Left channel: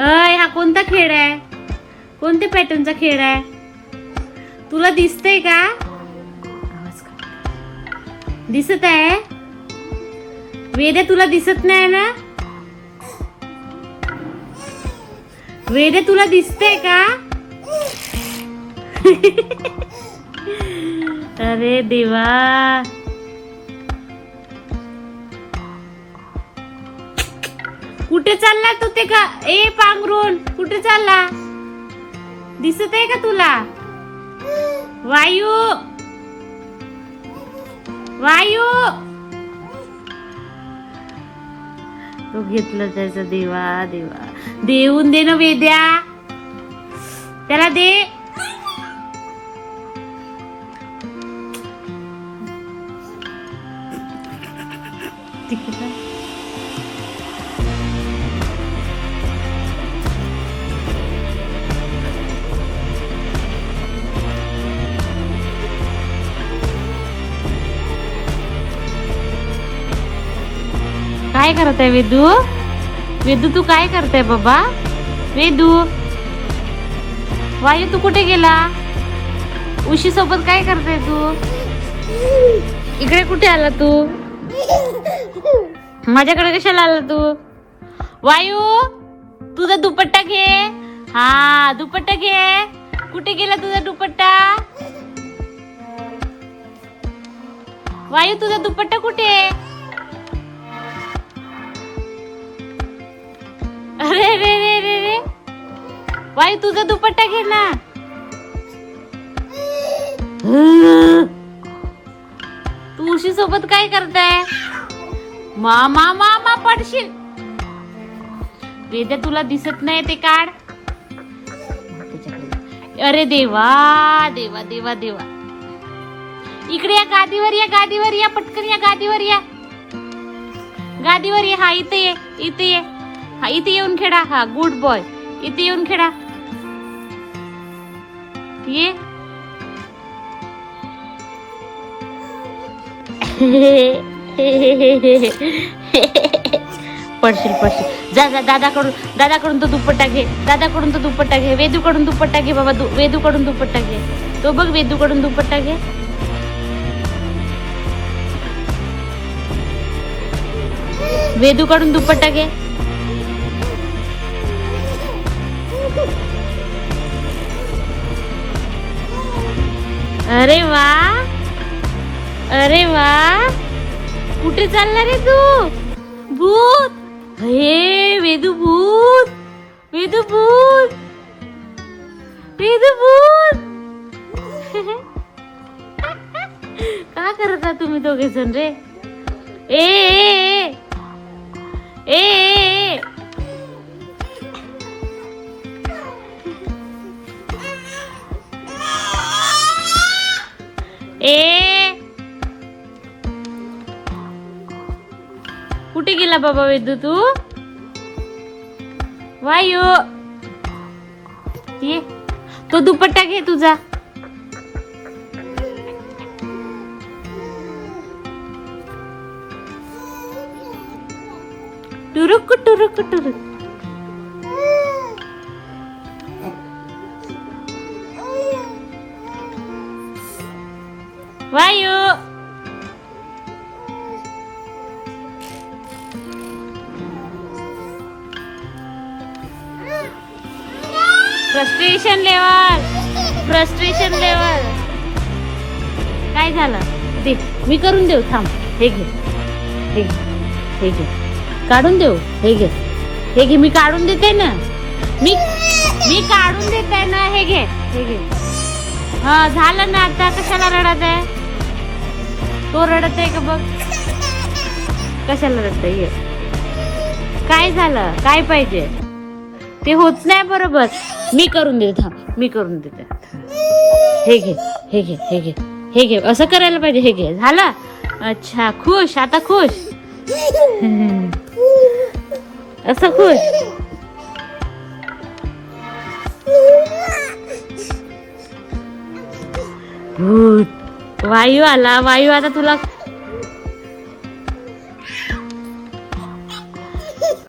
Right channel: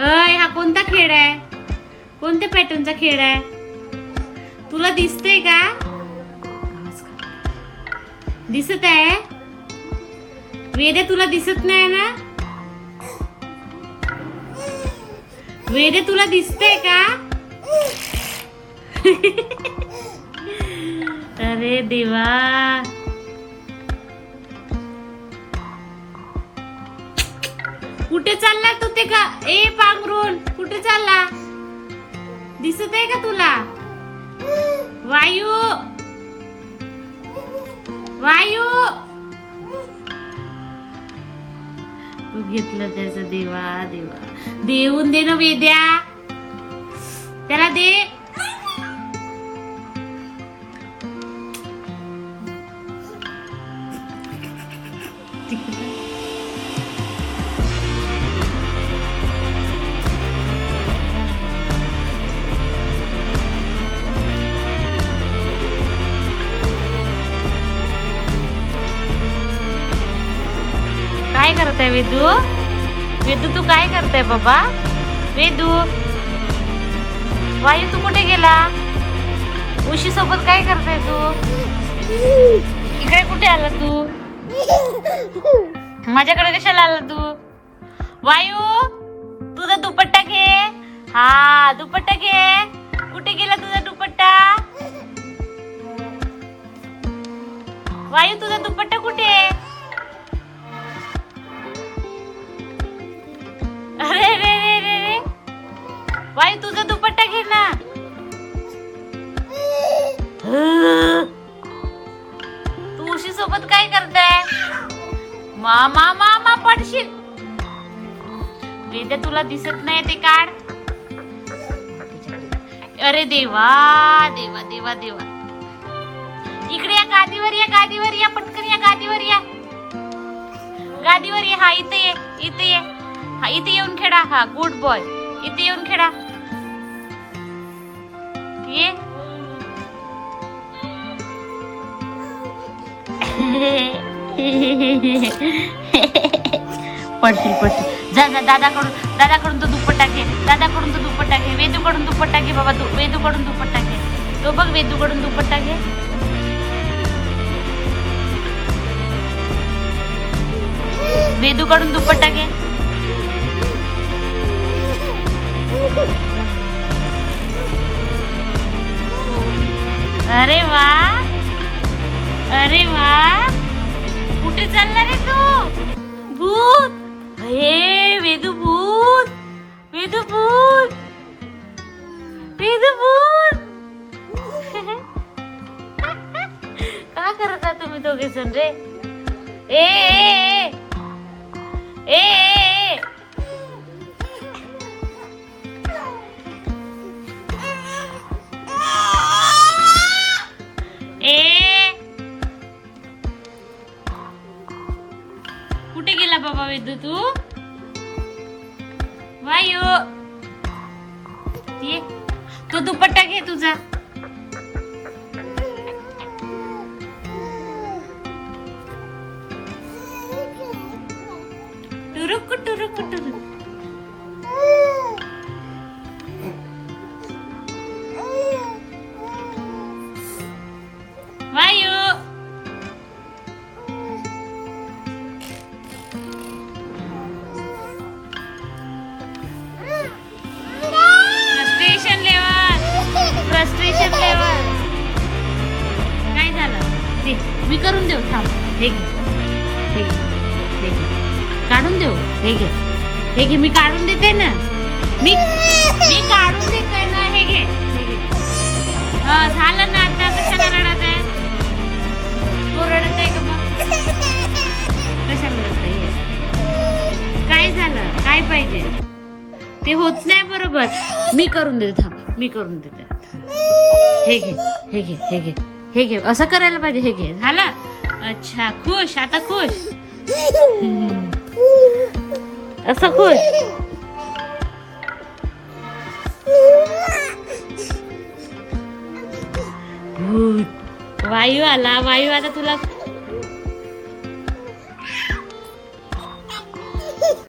अय हा कोणता खेळ आहे? कोणत्या पॅटर्नचा खेळ आहे? तुला दिसतंय का? दिसत आहे? वेदे तुला दिसत नाही ना? वेदे तुला दिसतंय का? अरे देवा, कुठे चालला तू? ते का ए पांघरून कुठे चालला? दिसत आहे का तुला? वायू, वायू, तो घेतलं त्याचं. देवा देवा, देऊन दे ना वेद्या, त्याला दे. काय करताय वेदू? वेदू तू काय करताय बाबा? वेदू, वायू तू कुठे गेला? उशी सोबत काय करताय तू? इकडे कुठे आला तू? माझ्याकडे कशाला आला तू? वायू, तुझा दुपट्टा घे. हा, दुपट्टा घे. कुठे गेला तुझा दुपट्टा? वायू, तुझा दुपट्टा कुठे? अरे रे रे रे रे, वायू तुझा दुपट्टा घे ना. तू उशी सोबत काय करताय? मामा मामा पडशील. वेदे तुला दिसत नाही ते काढ. अरे देवा देवा देवा देवा, इकडे या, गादीवर या, गादीवर या, पटकन या, गादीवर या, गादीवर या. हा इथे ये, इथे ये. हा इथे येऊन खेळा. हा गुड बॉय, इथे येऊन खेळा. ये. पडशील पडशील. जा जा, दादाकडून तो दुपट्टा घे. दादाकडून तो दुपट्टा घे. वेदूकडून दुपट्टा घे बाबा. तू वेदूकडून दुपट्टा घे. तो बघ, वेदूकडून दुपट्टा घे. वेदूकडून दुपट्टा घे. अरे वा, अरे वा, कुठे चालला रे तू? भूत. हे वेदू भूत, वेदू भूत, वेदू भूत. काय करता तुम्ही दोघे जण रे? ए ए ए ए, ए, कुठे गेला बाबा वेदू तू? वायू, ये, तो दुपट्टा घे तुझा. टुरुक टुरुक टुरुक. वायू, फ्रस्ट्रेशन लेवल, फ्रस्ट्रेशन लेवल. काय झालं? दे, मी करून देऊ. थांब, हे घे, हे घे, हे घे, काढून देऊ. हे घे, हे घे, मी काढून देते ना. मी काढून देते ना. हे घे, हे घे. हा, झालं ना. आता कशाला रडत आहे? तो रडत आहे का बघ. कशाला रडत आहे? काय झालं? काय पाहिजे? ते होत नाही बरोबर. मी करून देते. थांब, मी करून देते. हे घे, हे घे, हे घे, हे घे. असं करायला पाहिजे. हे घे, झालं. अच्छा, खुश आता, खुश. असं खुश. वायू आला. वायू आता तुला